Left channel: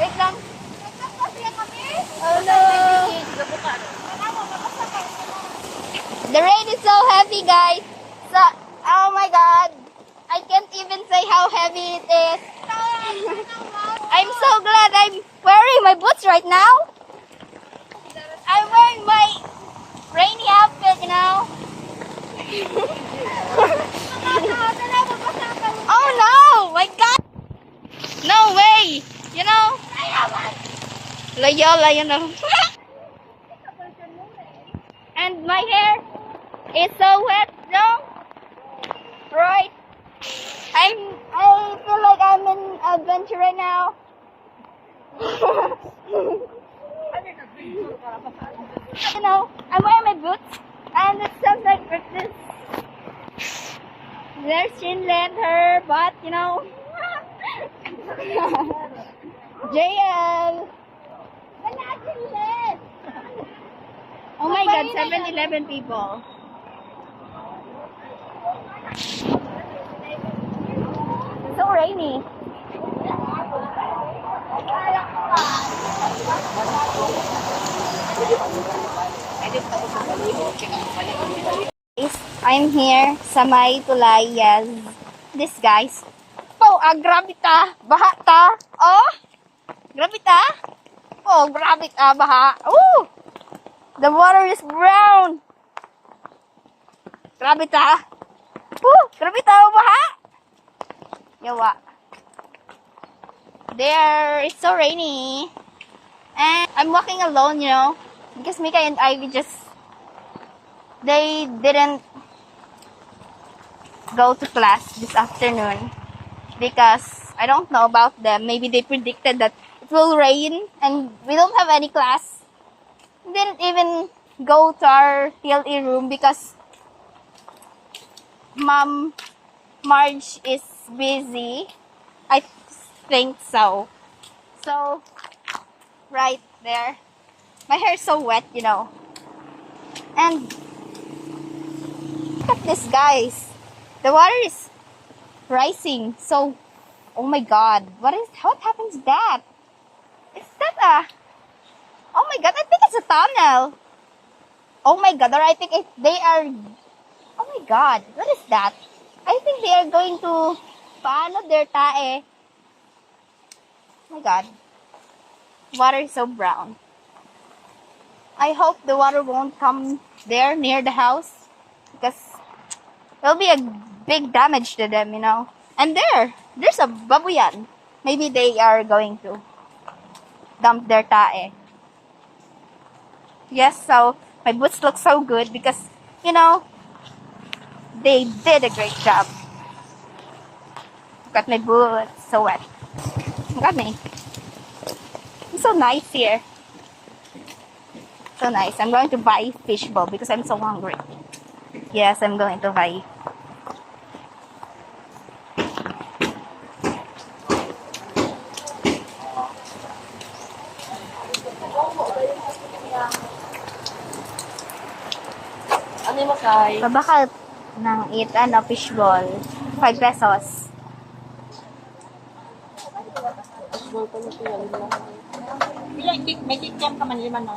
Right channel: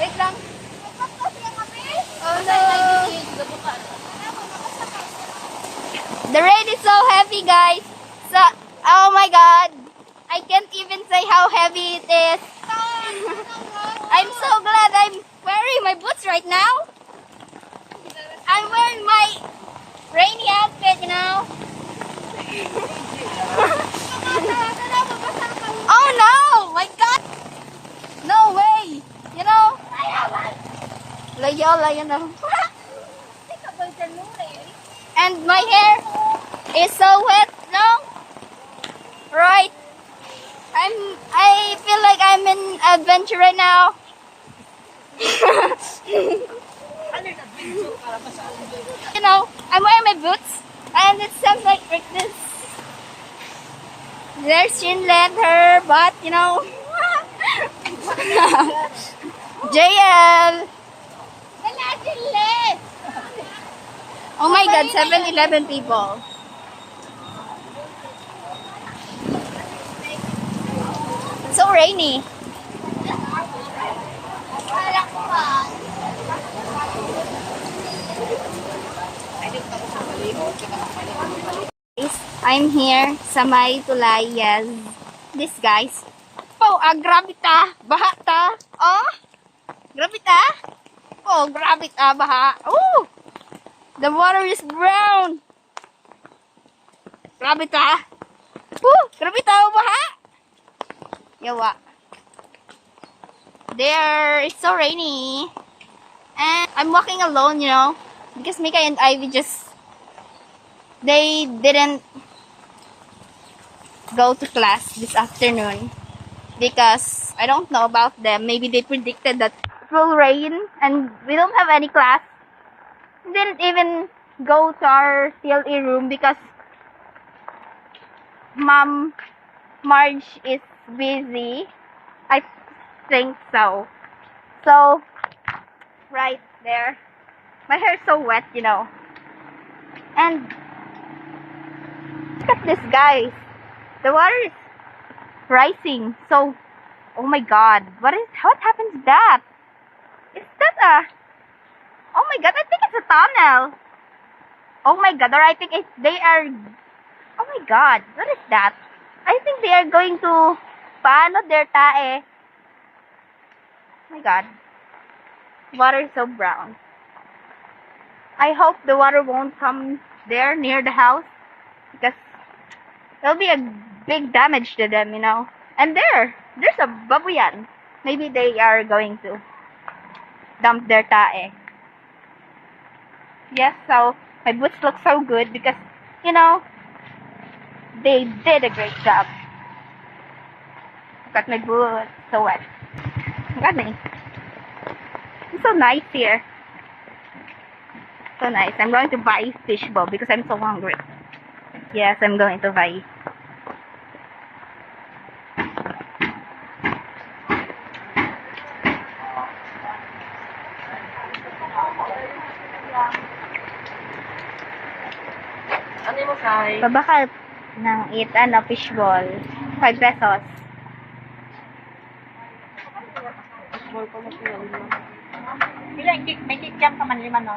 Wait lang. Oh no. The rain is so heavy, guys. So, oh my god. I can't even say how heavy it is. I'm so glad I'm wearing my boots right now. I'm wearing my rainy outfit, you know. Oh no! My god! No way! You know? Layola, you know. And my hair is so wet, no? Right? I feel like I'm in adventure right now. You know, I'm wearing my boots and it sounds like this. There's Shinlet, her butt, you know. JL. Oh my god, 7-11 people. It's so rainy. I'm here sa may tulay, yes. This guys. Oh, grabe ta. Baha ta. Oh, grabe ta. Oh, grabe ta. Baha. Oh, the water is brown. Grabe ta. Oh, grabe ta. Baha. Yawa. There, it's so rainy. And I'm walking alone, you know. Because Mika and Ivy they didn't go to class this afternoon because I don't know about them. Maybe they predicted that it will rain and we don't have any class. We didn't even go to our TLE room because Mom Marge is busy. I think so. So, right there. My hair is so wet, you know. And look at this, guys. The water is rising. So, oh my god. What happens to that? Is that oh my god, I think it's a tunnel. Oh my god, or I think they are, oh my god, what is that? I think they are going to, paano their tae? Oh my god. Water is so brown. I hope the water won't come there near the house because it'll be a big damage to them, you know. And there's a babuyan. Maybe they are going to dump their tae. Yes, so my boots look so good because, you know, they did a great job. Look at my boots, so wet. Look at me. It's so nice here. So nice. I'm going to buy fishbowl because I'm so hungry. Yes, I'm going to buy. Ano mo kay? Babakal ng fishball. 5 pesos. May kitjam pa man 5, no?